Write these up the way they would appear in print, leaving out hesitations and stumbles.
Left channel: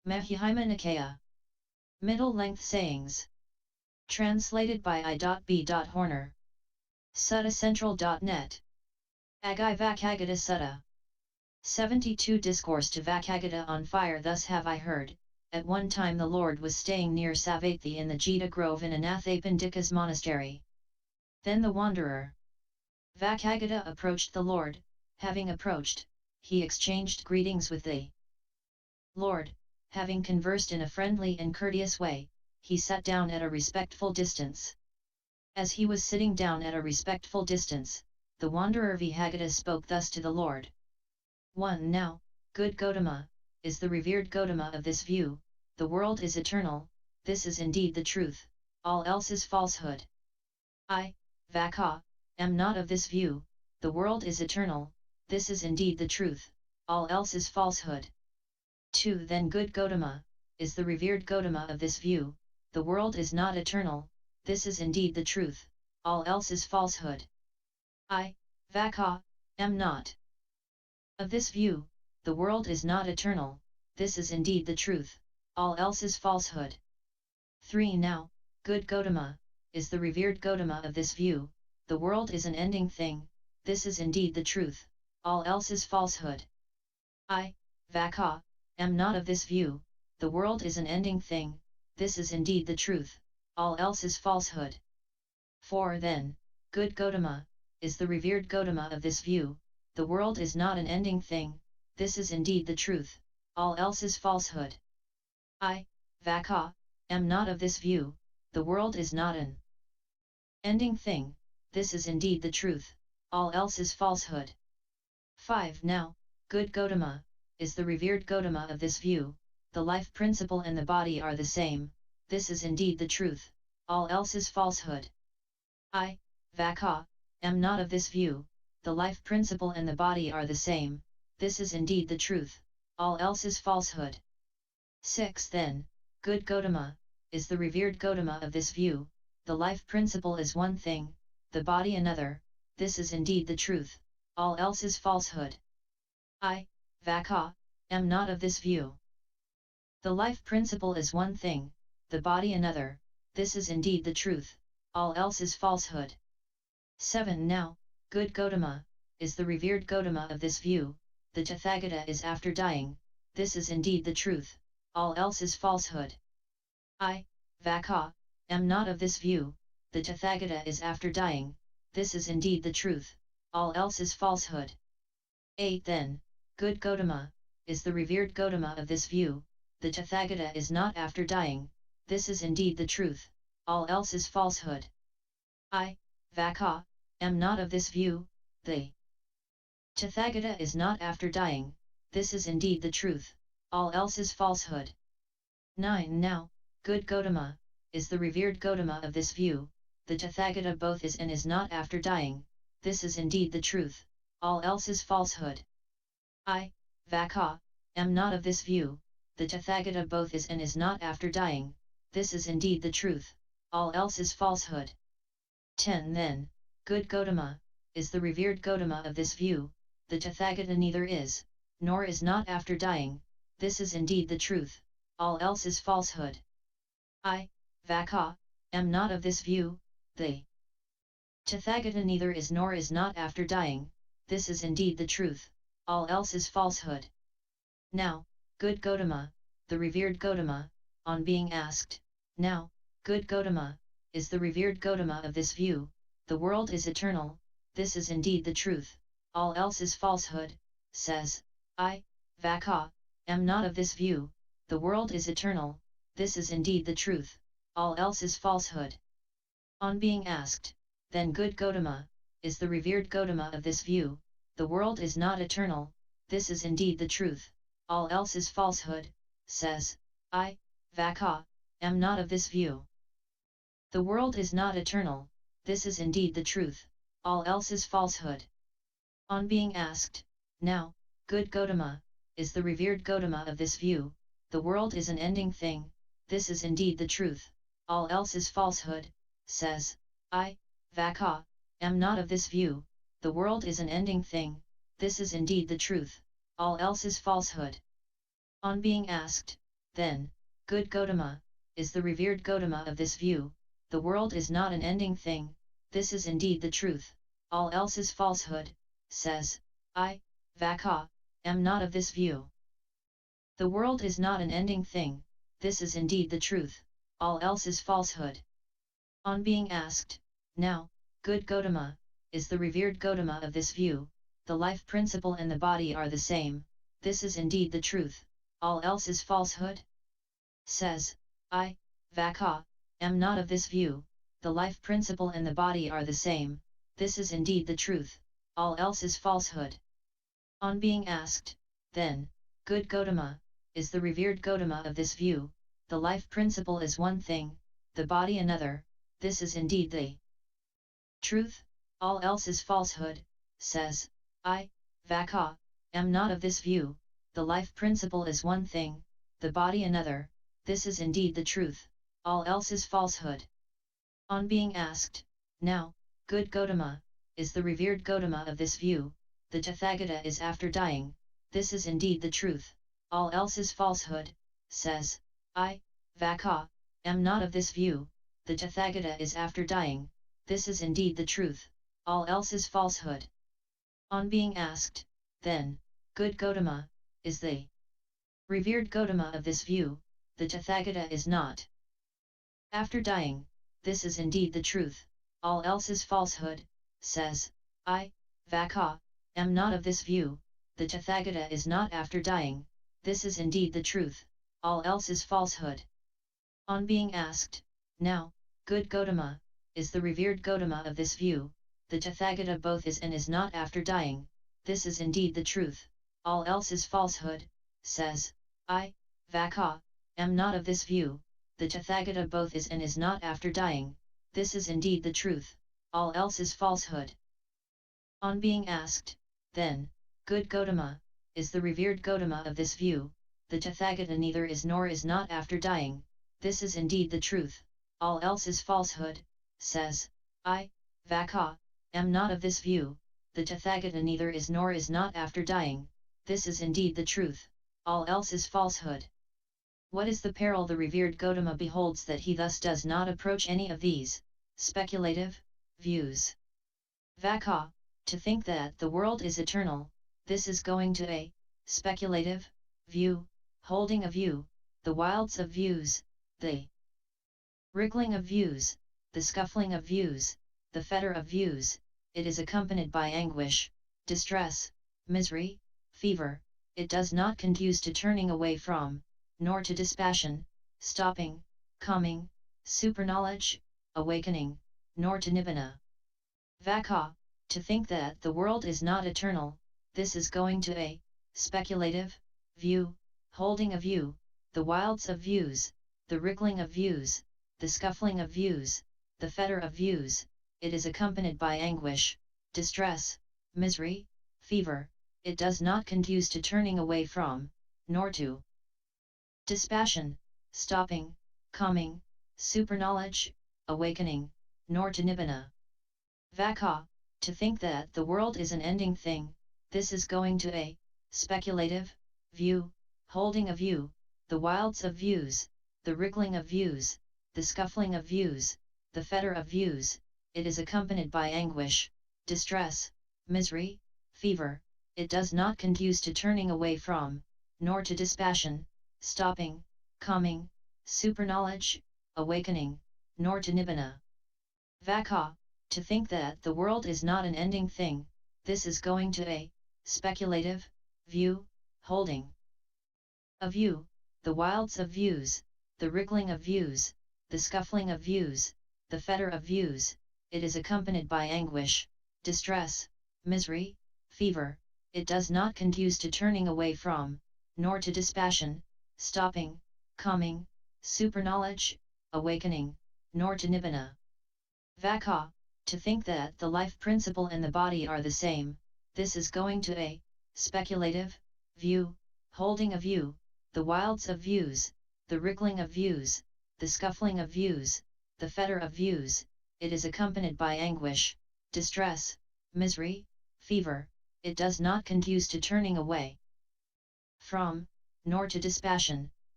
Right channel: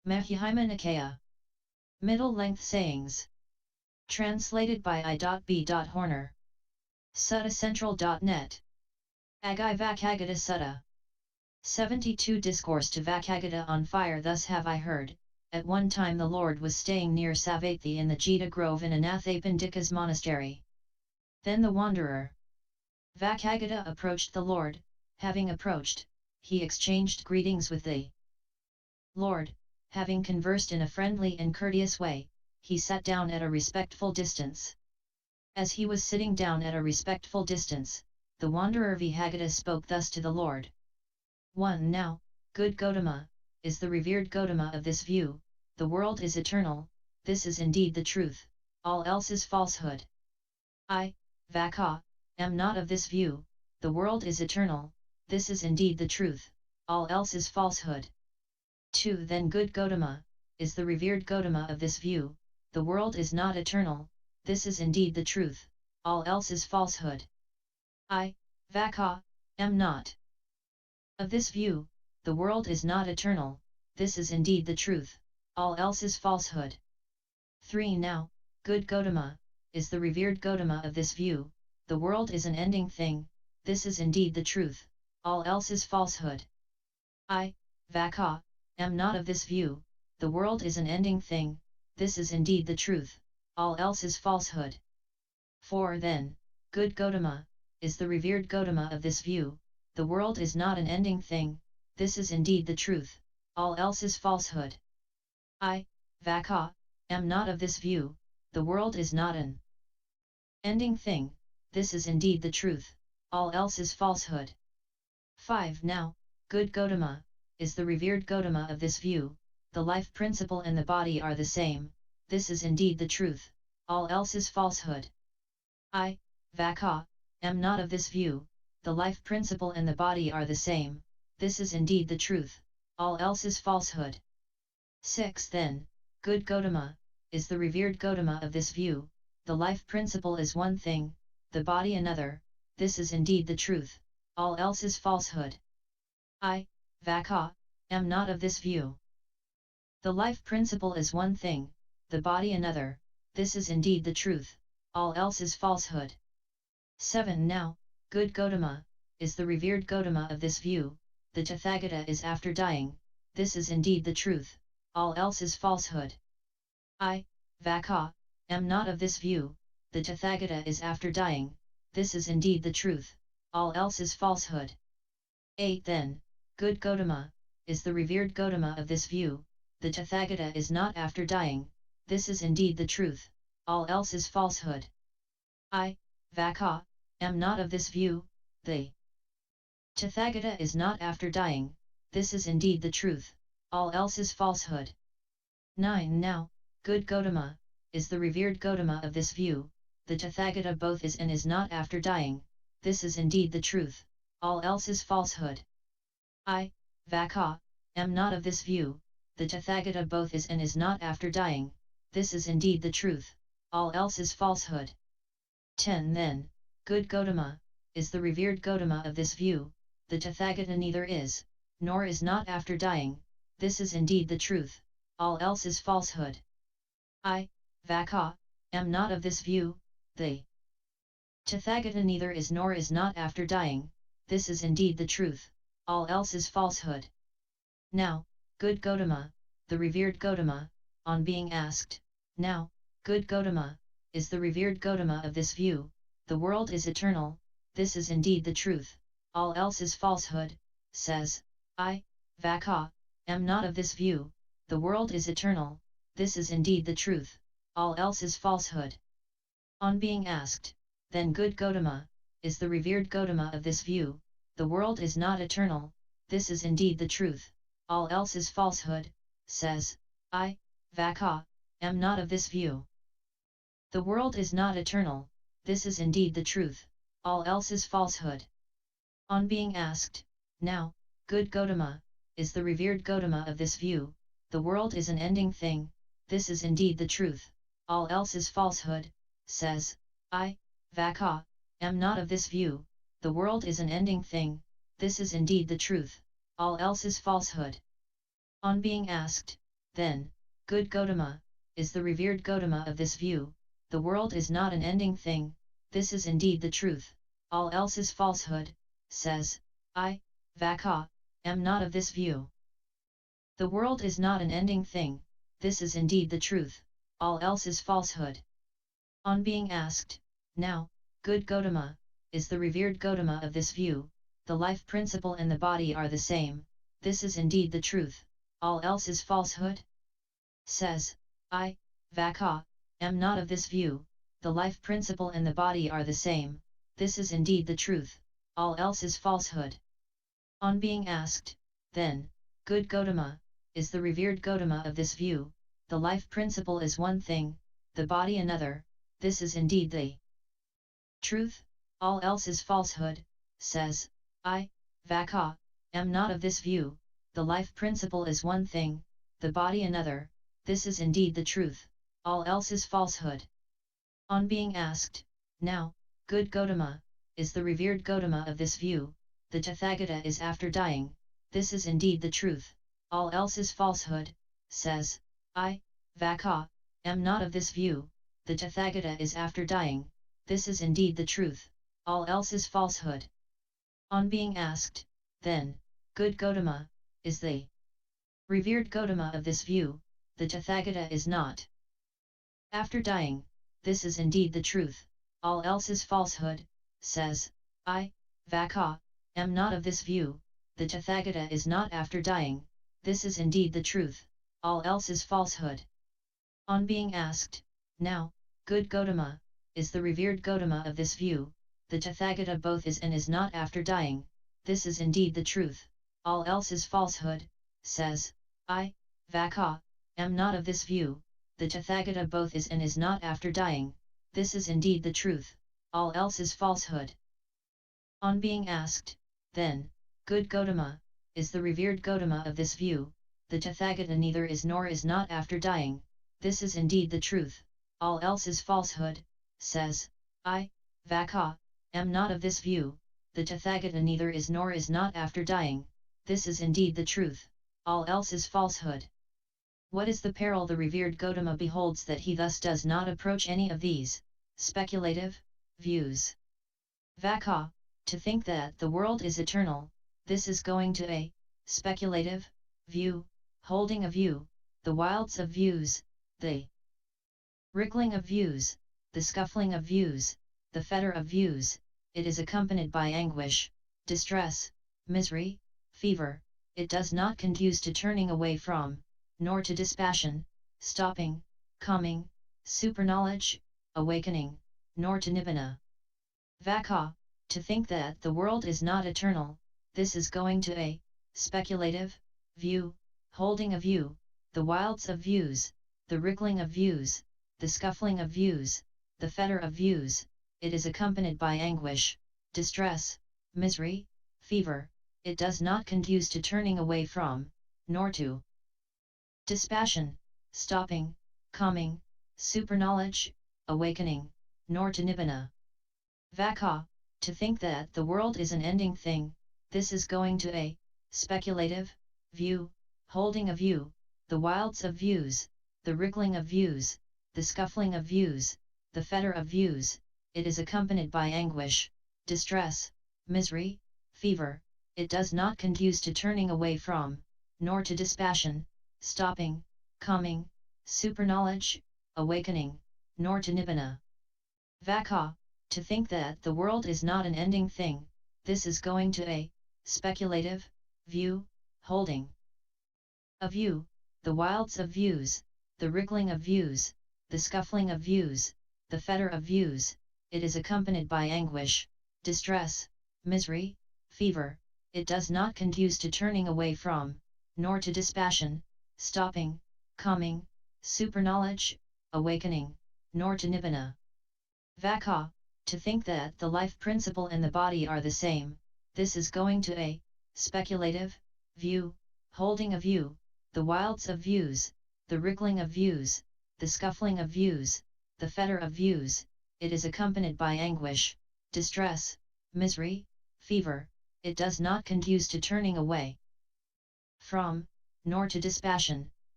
Mahihima Nikaya. Middle-length sayings. Translated by I.B.Horner. SuttaCentral.net. Agai Vacchagotta Sutta. 72 Discourse to Vacchagotta on fire. Thus have I heard, at one time the Lord was staying near Savatthi in the Jeta grove in Anathapindika's monastery. Then the wanderer Vacchagotta approached the Lord. Having approached, he exchanged greetings with the Lord. Having conversed in a friendly and courteous way, he sat down at a respectful distance. As he was sitting down at a respectful distance, the wanderer Vacchagotta spoke thus to the Lord. 1. Now, good Gotama, is the revered Gotama of this view, the world is eternal, this is indeed the truth, all else is falsehood. I, Vaccha, am not of this view, the world is eternal, this is indeed the truth, all else is falsehood. 2. Then good Gotama, is the revered Gotama of this view, the world is not eternal, this is indeed the truth, all else is falsehood. I, Vaccha, am not of this view, the world is not eternal, this is indeed the truth, all else is falsehood. 3. Now, good Gotama, is the revered Gotama of this view, the world is an ending thing, this is indeed the truth, all else is falsehood. I, Vaccha, am not of this view, the world is an ending thing, this is indeed the truth, all else is falsehood. 4. Then, good Gotama, is the revered Gotama of this view, the world is not an ending thing, this is indeed the truth, all else is falsehood. I, Vaccha, am not of this view, the world is not an ending thing, this is indeed the truth, all else is falsehood. 5. Now, good Gotama, is the revered Gotama of this view, the life principle and the body are the same, this is indeed the truth, all else is falsehood. I, Vaccha, am not of this view, the life principle and the body are the same, this is indeed the truth, all else is falsehood. 6. Then, good Gotama, is the revered Gotama of this view, the life principle is one thing, the body another, this is indeed the truth, all else is falsehood. I, Vaccha, am not of this view. The life principle is one thing, the body another, this is indeed the truth, all else is falsehood. 7. Now, good Gotama, is the revered Gotama of this view, the Tathagata is after dying, this is indeed the truth, all else is falsehood. I, Vaccha, am not of this view, the Tathagata is after dying, this is indeed the truth, all else is falsehood. 8. Then, good Gotama, is the revered Gotama of this view, the Tathagata is not after dying, this is indeed the truth, all else is falsehood. I, Vaccha, am not of this view, the Tathagata is not after dying, this is indeed the truth, all else is falsehood. 9. Now, good Gotama, is the revered Gotama of this view, the Tathagata both is and is not after dying, this is indeed the truth, all else is falsehood. I, Vaccha, am not of this view, the Tathagata both is and is not after dying, this is indeed the truth, all else is falsehood. 10. Then, good Gotama, is the revered Gotama of this view, the Tathagata neither is, nor is not after dying, this is indeed the truth, all else is falsehood. I, Vaccha, am not of this view, the Tathagata neither is nor is not after dying, this is indeed the truth, all else is falsehood. Now, good Gotama, the revered Gotama, on being asked, now, good Gotama, is the revered Gotama of this view, the world is eternal, this is indeed the truth, all else is falsehood, says, I, Vaccha, am not of this view, the world is eternal, this is indeed the truth, all else is falsehood. On being asked, then good Gotama, is the revered Gotama of this view, the world is not eternal, this is indeed the truth, all else is falsehood, says, I, Vaccha, am not of this view. The world is not eternal, this is indeed the truth, all else is falsehood. On being asked, now, good Gotama, is the revered Gotama of this view, the world is an ending thing, this is indeed the truth, all else is falsehood, says, I, Vaccha, am not of this view, the world is an ending thing, this is indeed the truth, all else is falsehood. On being asked, then, good Gotama, is the revered Gotama of this view, the world is not an ending thing, this is indeed the truth, all else is falsehood, says, I, Vaccha, am not of this view. The world is not an ending thing, this is indeed the truth, all else is falsehood. On being asked, now, good Gotama, is the revered Gotama of this view, the life principle and the body are the same, this is indeed the truth, all else is falsehood? Says, I, Vaccha, am not of this view, the life principle and the body are the same, this is indeed the truth, all else is falsehood. On being asked, then, good Gotama, is the revered Gotama of this view, the life principle is one thing, the body another, this is indeed the truth, all else is falsehood, says, I, Vaccha, am not of this view, the life principle is one thing, the body another, this is indeed the truth, all else is falsehood. On being asked, now, good Gotama, is the revered Gotama of this view, the Tathagata is after dying, this is indeed the truth, all else is falsehood, says, I, Vaccha, am not of this view, the Tathagata is after dying, this is indeed the truth, all else is falsehood. On being asked, then, good Gotama, is the revered Gotama of this view, the Tathagata is not after dying, this is indeed the truth, all else is falsehood, says, I, Vaccha, am not of this view, the Tathagata is not after dying, this is indeed the truth, all else is falsehood. On being asked, now, good Gotama, is the revered Gotama of this view, the Tathagata both is and is not after dying, this is indeed the truth, all else is falsehood, says, I, Vaccha, am not of this view, the Tathagata both is and is not after dying, this is indeed the truth, all else is falsehood. On being asked, then, good Gotama, is the revered Gotama of this view, the Tathagata neither is nor is not after dying, this is indeed the truth, all else is falsehood, says, I, Vaccha, am not of this view, the Tathagata neither is nor is not after dying, this is indeed the truth, all else is falsehood. What is the peril the revered Gotama beholds that he thus does not approach any of these speculative views? Vaccha, to think that the world is eternal, this is going to a speculative view, holding a view, the wilds of views, the wriggling of views, the scuffling of views, the fetter of views, it is accompanied by anguish, distress, misery, fever, it does not conduce to turning away from, nor to dispassion, stopping, coming, superknowledge, awakening, nor to nibbana. Vaccha, to think that the world is not eternal, this is going to a speculative view, holding a view, the wilds of views, the wriggling of views, the scuffling of views, the fetter of views, it is accompanied by anguish, distress, misery, fever, it does not conduce to turning away from, nor to dispassion, stopping, calming, superknowledge, awakening, nor to nibbana. Vaccha, to think that the world is an ending thing, this is going to a speculative view, holding a view, the wilds of views, the wriggling of views, the scuffling of views, the fetter of views, it is accompanied by anguish, distress, misery, fever, it does not conduce to turning away from, nor to dispassion, stopping, calming, superknowledge, awakening, nor to nibbana. Vaccha, to think that the world is not an ending thing, this is going to a speculative view, holding a view, the wilds of views, the wriggling of views, the scuffling of views, the fetter of views, it is accompanied by anguish, distress, misery, fever, it does not conduce to turning away from, nor to dispassion, stopping, calming, superknowledge, awakening, nor to nibbana. Vaccha, to think that the life principle and the body are the same, this is going to a speculative view, holding a view, the wilds of views, the wriggling of views, the scuffling of views, the fetter of views, it is accompanied by anguish, distress, misery, fever, it does not conduce to turning away from, nor to dispassion,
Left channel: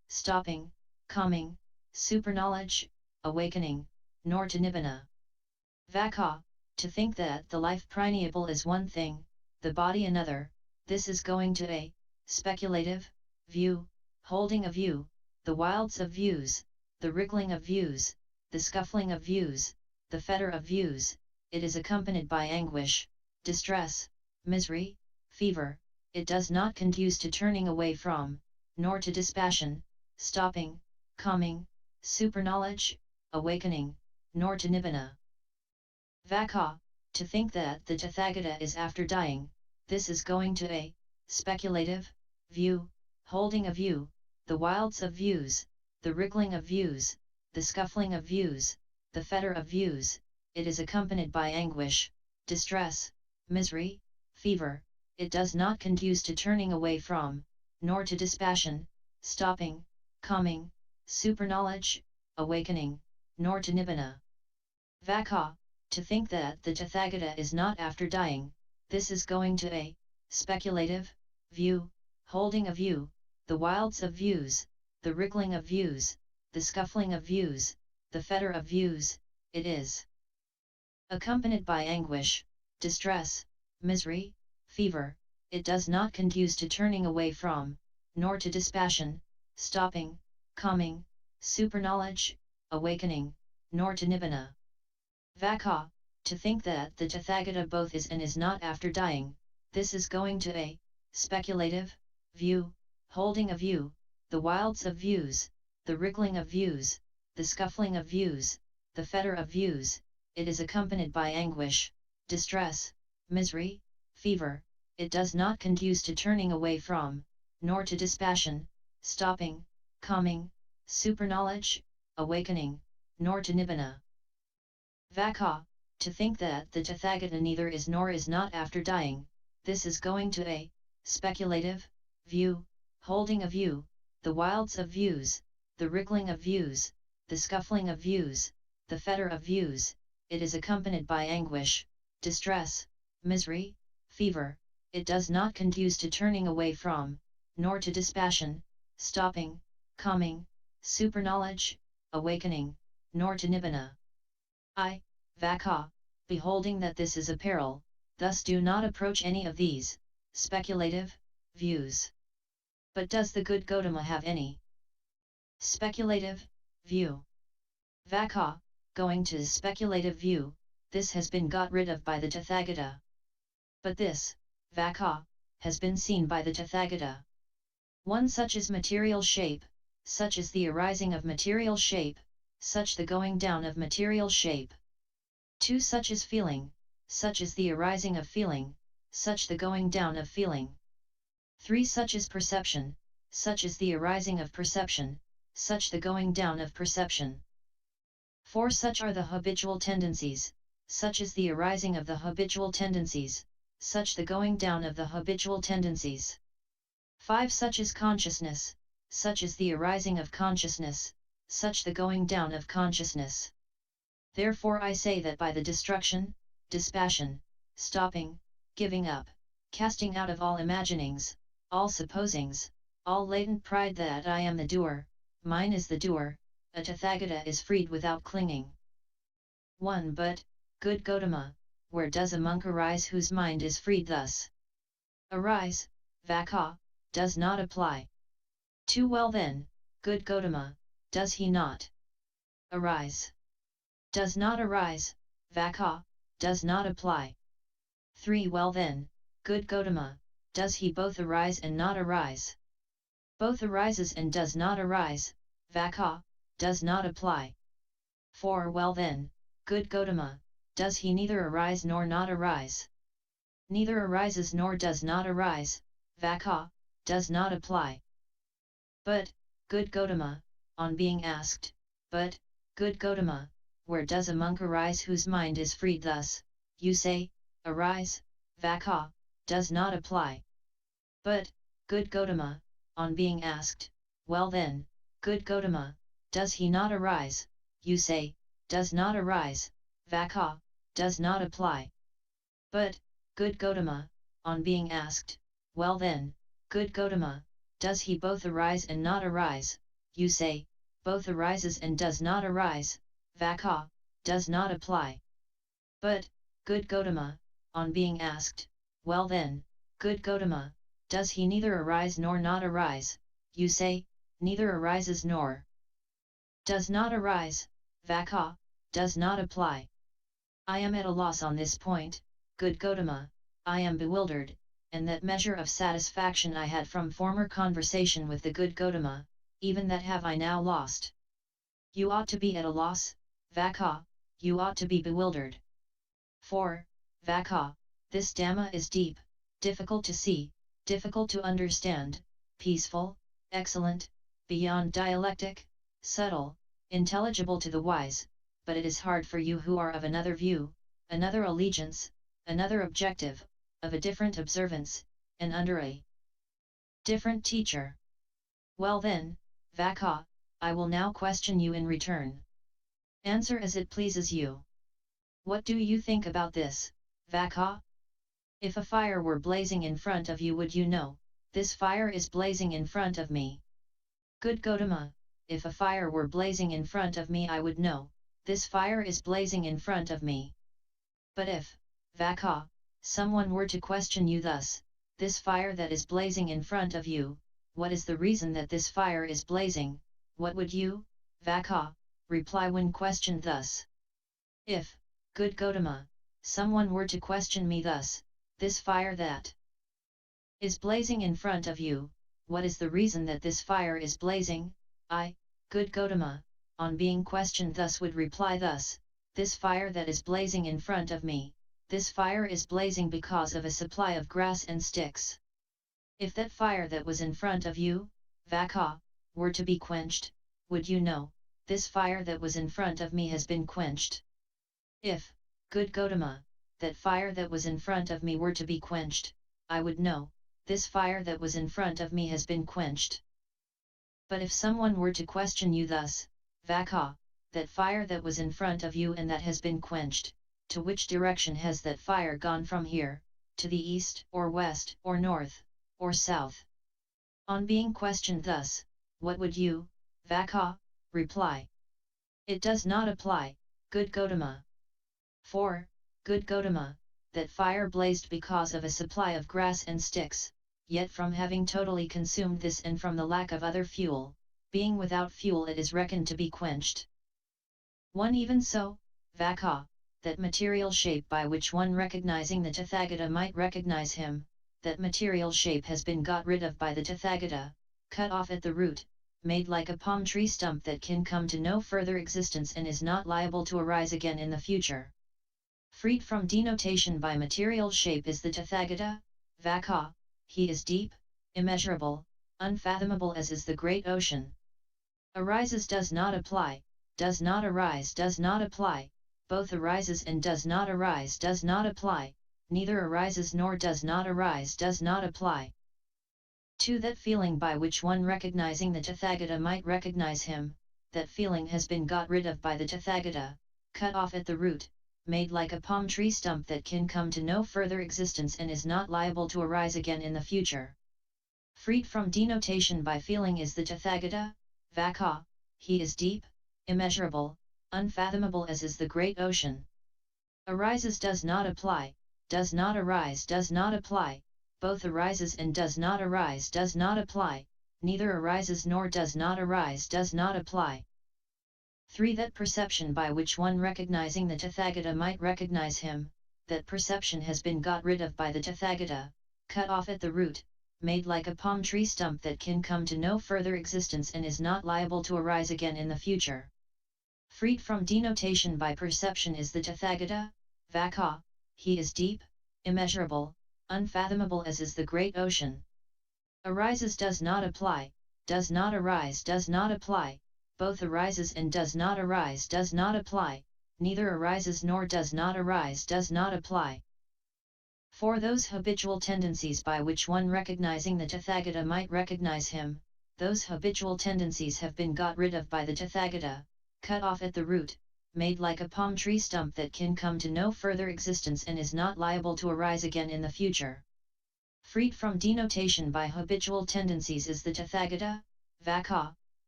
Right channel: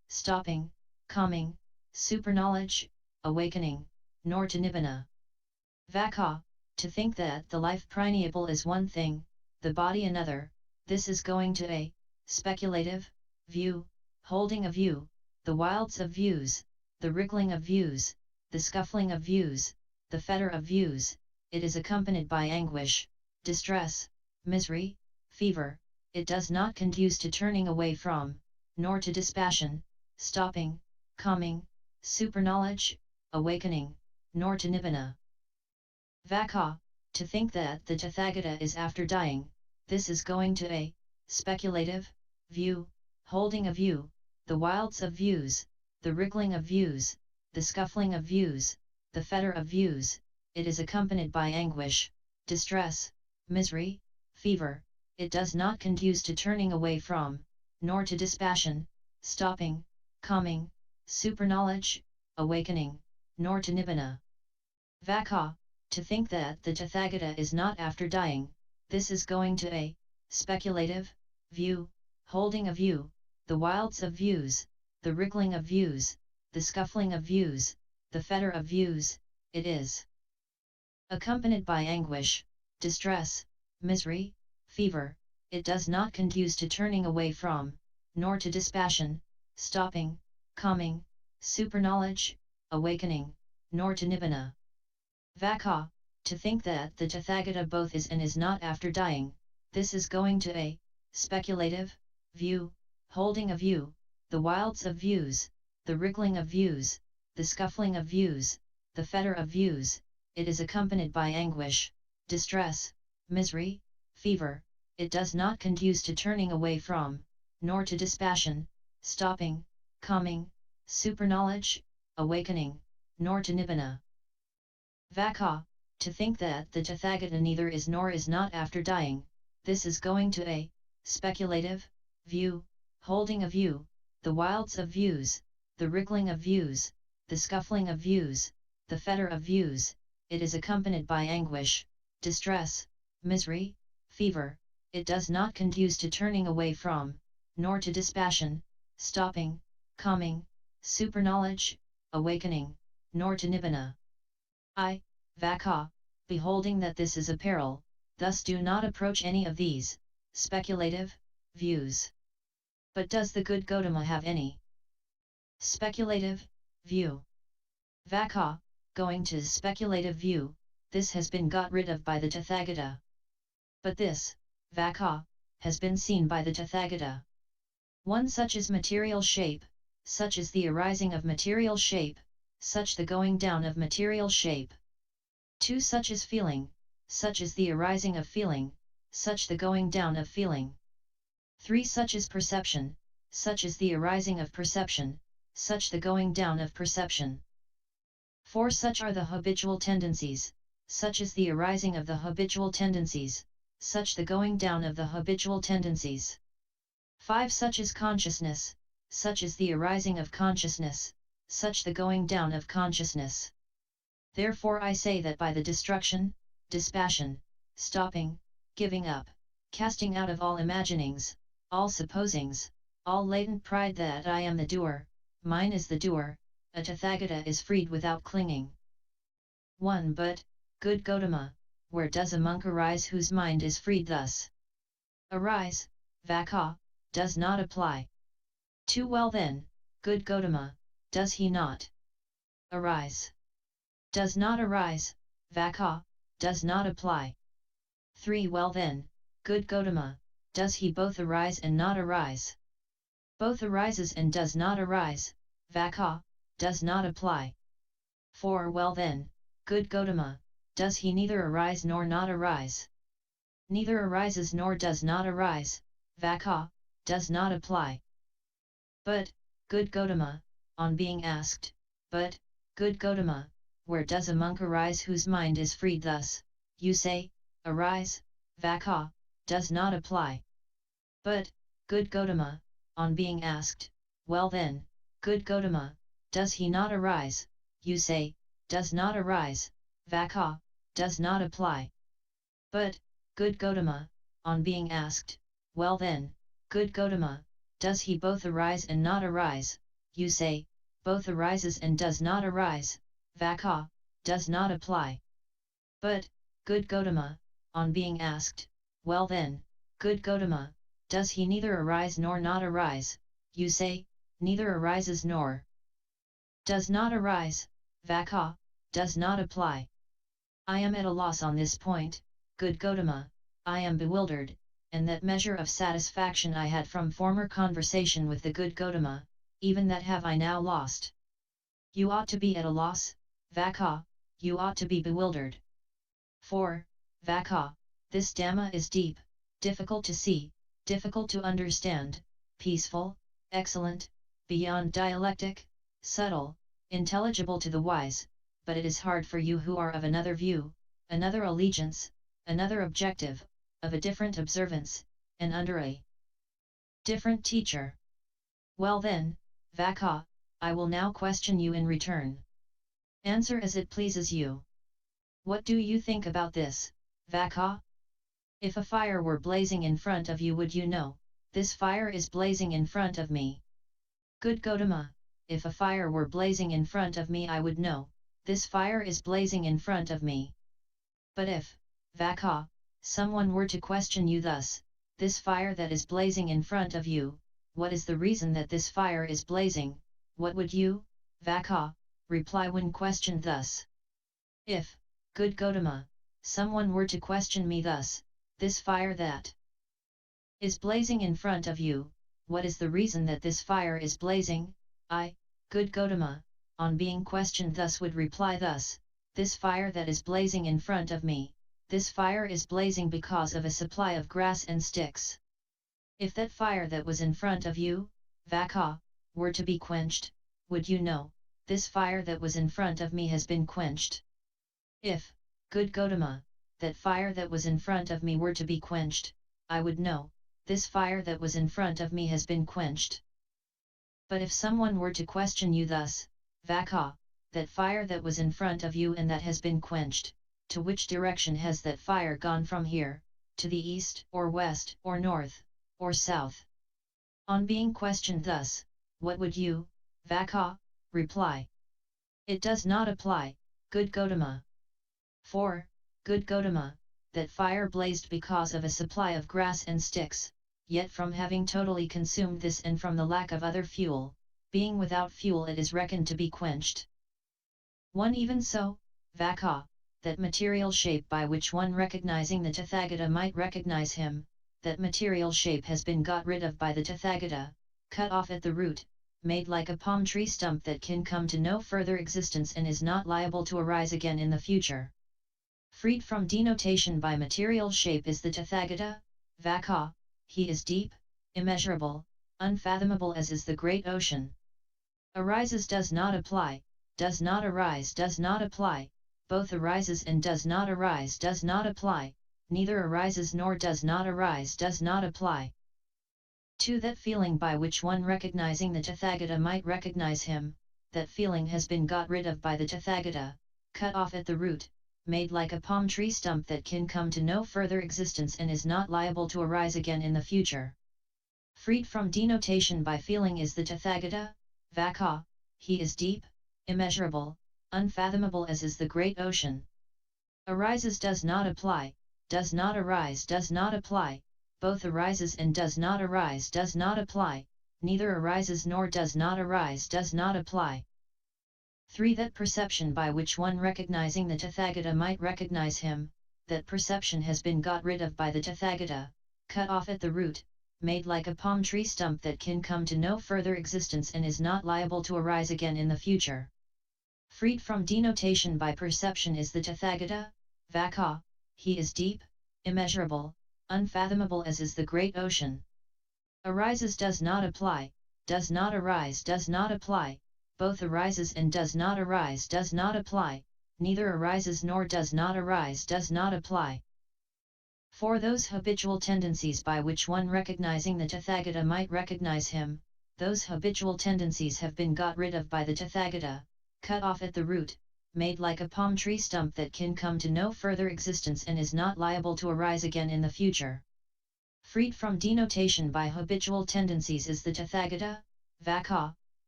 stopping, coming, superknowledge, awakening, nor to nibbana. Vaccha, to think that the life primeval is one thing, the body another, this is going to a speculative view, holding a view, the wilds of views, the wriggling of views, the scuffling of views, the fetter of views, it is accompanied by anguish, distress, misery, fever, it does not conduce to turning away from, nor to dispassion, stopping, coming, superknowledge, awakening, nor to nibbana. Vaccha, to think that the Tathagata is after dying, this is going to a speculative view, holding a view, the wilds of views, the wriggling of views, the scuffling of views, the fetter of views, it is accompanied by anguish, distress, misery, fever, it does not conduce to turning away from, nor to dispassion, stopping, coming, superknowledge, awakening, nor to nibbana. Vaccha, to think that the Tathagata is not after dying, this is going to a speculative view, holding a view, the wilds of views, the wriggling of views, the scuffling of views, the fetter of views, it is accompanied by anguish, distress, misery, fever, it does not conduce to turning away from, nor to dispassion, stopping, coming, superknowledge, awakening, nor to nibbana. Vaccha, to think that the Tathagata both is and is not after dying, this is going to a speculative view, holding a view, the wilds of views, the wriggling of views, the scuffling of views, the fetter of views, it is accompanied by anguish, distress, misery, fever, it does not conduce to turning away from, nor to dispassion, stopping, coming, superknowledge, awakening, nor to nibbana. Vaccha, to think that the Tathagata neither is nor is not after dying, this is going to a speculative view, holding a view, the wilds of views, the wriggling of views, the scuffling of views, the fetter of views, it is accompanied by anguish, distress, misery, fever, it does not conduce to turning away from, nor to dispassion, stopping, coming, superknowledge, awakening, nor to nibbana. Vaccha, beholding that this is a peril, thus do not approach any of these speculative views. But does the good Gotama have any speculative view? Vaccha, going to speculative view, this has been got rid of by the Tathagata. But this, Vaccha, has been seen by the Tathagata. One such is material shape, such is the arising of material shape, such the going down of material shape. 2 such is feeling, such is the arising of feeling, such the going down of feeling. 3 such is perception, such is the arising of perception, such the going down of perception. 4 such are the habitual tendencies, such is the arising of the habitual tendencies, such the going down of the habitual tendencies. 5 such is consciousness, such is the arising of consciousness, such the going down of consciousness. Therefore I say that by the destruction, dispassion, stopping, giving up, casting out of all imaginings, all supposings, all latent pride that I am the doer, mine is the doer, a Tathagata is freed without clinging. 1 But, good Gotama, where does a monk arise whose mind is freed thus? Arise, Vaccha, does not apply. 2 Well then, good Gotama, does he not arise? Does not arise, Vaccha, does not apply. 3 Well then, good Gotama, does he both arise and not arise? Both arises and does not arise, Vaccha, does not apply. 4 Well then, good Gotama, does he neither arise nor not arise? Neither arises nor does not arise, Vaccha, does not apply. But, good Gotama, on being asked, but, good Gotama, where does a monk arise whose mind is freed thus, you say, arise, Vaccha, does not apply. But, good Gotama, on being asked, well then, good Gotama, does he not arise, you say, does not arise, Vaccha, does not apply. But, good Gotama, on being asked, well then, good Gotama, does he both arise and not arise, you say, both arises and does not arise, Vaccha, does not apply. But, good Gotama, on being asked, well then, good Gotama, does he neither arise nor not arise, you say, neither arises nor does not arise, Vaccha, does not apply. I am at a loss on this point, good Gotama, I am bewildered, and that measure of satisfaction I had from former conversation with the good Gotama, even that have I now lost. You ought to be at a loss, Vaccha, you ought to be bewildered. For, Vaccha, this Dhamma is deep, difficult to see, difficult to understand, peaceful, excellent, beyond dialectic, subtle, intelligible to the wise, but it is hard for you who are of another view, another allegiance, another objective, of a different observance, and under a different teacher. Well then, Vaccha, I will now question you in return. Answer as it pleases you. What do you think about this, Vaccha? If a fire were blazing in front of you, would you know, this fire is blazing in front of me? Good Gotama, if a fire were blazing in front of me, I would know, this fire is blazing in front of me. But if, Vaccha, someone were to question you thus, this fire that is blazing in front of you, what is the reason that this fire is blazing, what would you, Vaccha, reply when questioned thus? If, good Gotama, someone were to question me thus, this fire that is blazing in front of you, what is the reason that this fire is blazing? I, good Gotama, on being questioned thus would reply thus, this fire that is blazing in front of me, this fire is blazing because of a supply of grass and sticks. If that fire that was in front of you, Vaccha, were to be quenched, would you know, this fire that was in front of me has been quenched? If, good Gotama, that fire that was in front of me were to be quenched, I would know, this fire that was in front of me has been quenched. But if someone were to question you thus, Vaccha, that fire that was in front of you and that has been quenched, to which direction has that fire gone from here, to the east or west or north, or south? On being questioned thus, what would you, Vaccha, reply? It does not apply, good Gotama. For, good Gotama, that fire blazed because of a supply of grass and sticks, yet from having totally consumed this and from the lack of other fuel, being without fuel it is reckoned to be quenched. One even so, Vaccha, that material shape by which one recognizing the Tathagata might recognize him, that material shape has been got rid of by the Tathagata, cut off at the root, made like a palm tree stump that can come to no further existence and is not liable to arise again in the future. Freed from denotation by material shape is the Tathagata, Vaccha, he is deep, immeasurable, unfathomable as is the great ocean. Arises does not apply, does not arise does not apply, both arises and does not arise does not apply, neither arises nor does not arise does not apply. 2. That feeling by which one recognizing the Tathagata might recognize him, that feeling has been got rid of by the Tathagata, cut off at the root, made like a palm tree stump that can come to no further existence and is not liable to arise again in the future. Freed from denotation by feeling is the Tathagata, Vaccha, he is deep, immeasurable, unfathomable as is the great ocean. Arises does not apply, does not arise does not apply, both arises and does not arise does not apply, neither arises nor does not arise does not apply. 3. That perception by which one recognizing the Tathagata might recognize him, that perception has been got rid of by the Tathagata, cut off at the root, made like a palm tree stump that can come to no further existence and is not liable to arise again in the future. Freed from denotation by perception is the Tathagata, Vaccha, he is deep, immeasurable, unfathomable as is the great ocean. Arises does not apply, does not arise does not apply, both arises and does not arise does not apply, neither arises nor does not arise does not apply. For those habitual tendencies by which one recognizing the Tathagata might recognize him, those habitual tendencies have been got rid of by the Tathagata, cut off at the root, made like a palm tree stump that can come to no further existence and is not liable to arise again in the future. Freed from denotation by habitual tendencies is the Tathagata, Vaccha,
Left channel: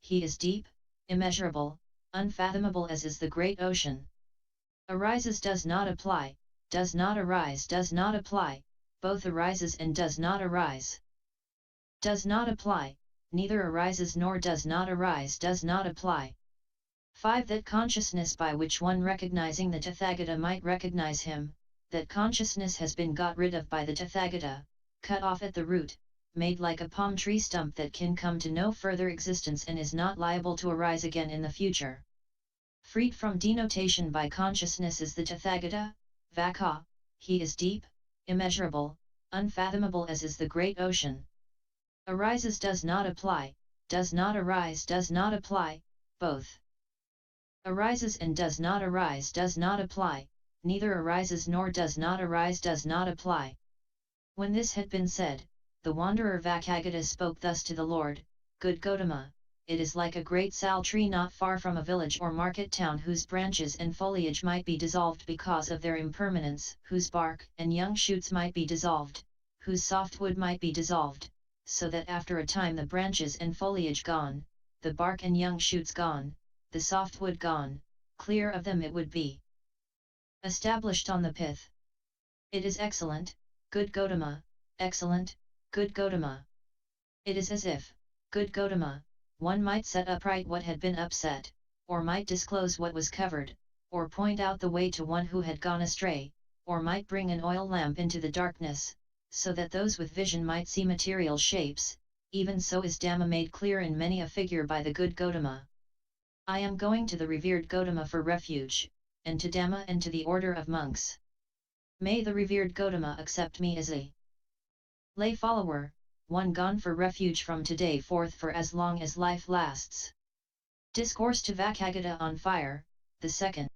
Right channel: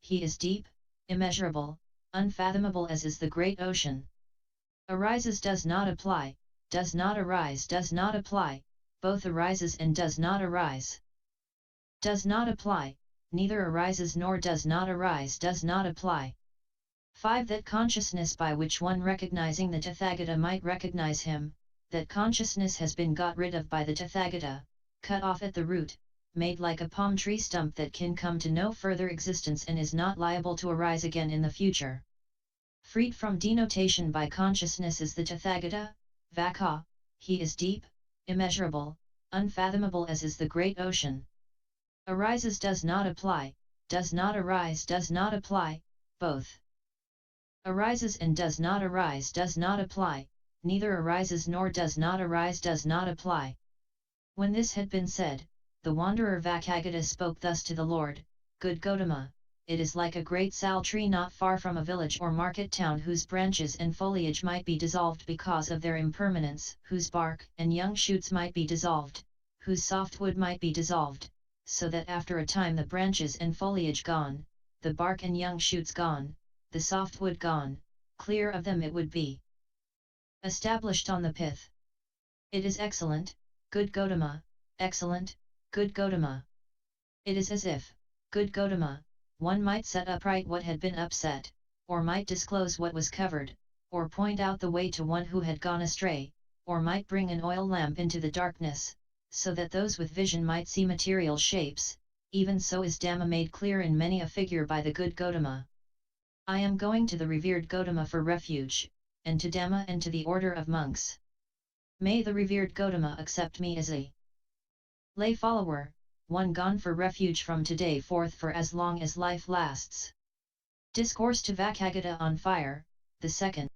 he is deep, immeasurable, unfathomable as is the great ocean. Arises does not apply, does not arise does not apply, both arises and does not arise. Does not apply, neither arises nor does not arise does not apply. 5. That consciousness by which one recognizing the Tathagata might recognize him, that consciousness has been got rid of by the Tathagata, cut off at the root, made like a palm tree stump that can come to no further existence and is not liable to arise again in the future. Freed from denotation by consciousness is the Tathagata, Vaccha, he is deep, immeasurable, unfathomable as is the great ocean. Arises does not apply, does not arise does not apply, both. Arises and does not arise does not apply, neither arises nor does not arise does not apply. When this had been said, the wanderer Vacchagotta spoke thus to the Lord, Good Gotama, it is like a great sal tree not far from a village or market town whose branches and foliage might be dissolved because of their impermanence, whose bark and young shoots might be dissolved, whose soft wood might be dissolved, so that after a time the branches and foliage gone, the bark and young shoots gone, the soft wood gone, clear of them it would be established on the pith. It is excellent, good Gotama, excellent, good Gotama. It is as if, good Gotama, one might set upright what had been upset, or might disclose what was covered, or point out the way to one who had gone astray, or might bring an oil lamp into the darkness, so that those with vision might see material shapes, even so is Dhamma made clear in many a figure by the good Gotama. I am going to the revered Gotama for refuge, and to Dhamma and to the order of monks. May the revered Gotama accept me as a lay follower, one gone for refuge from today forth for as long as life lasts. Discourse to Vacchagotta on Fire, the 2nd.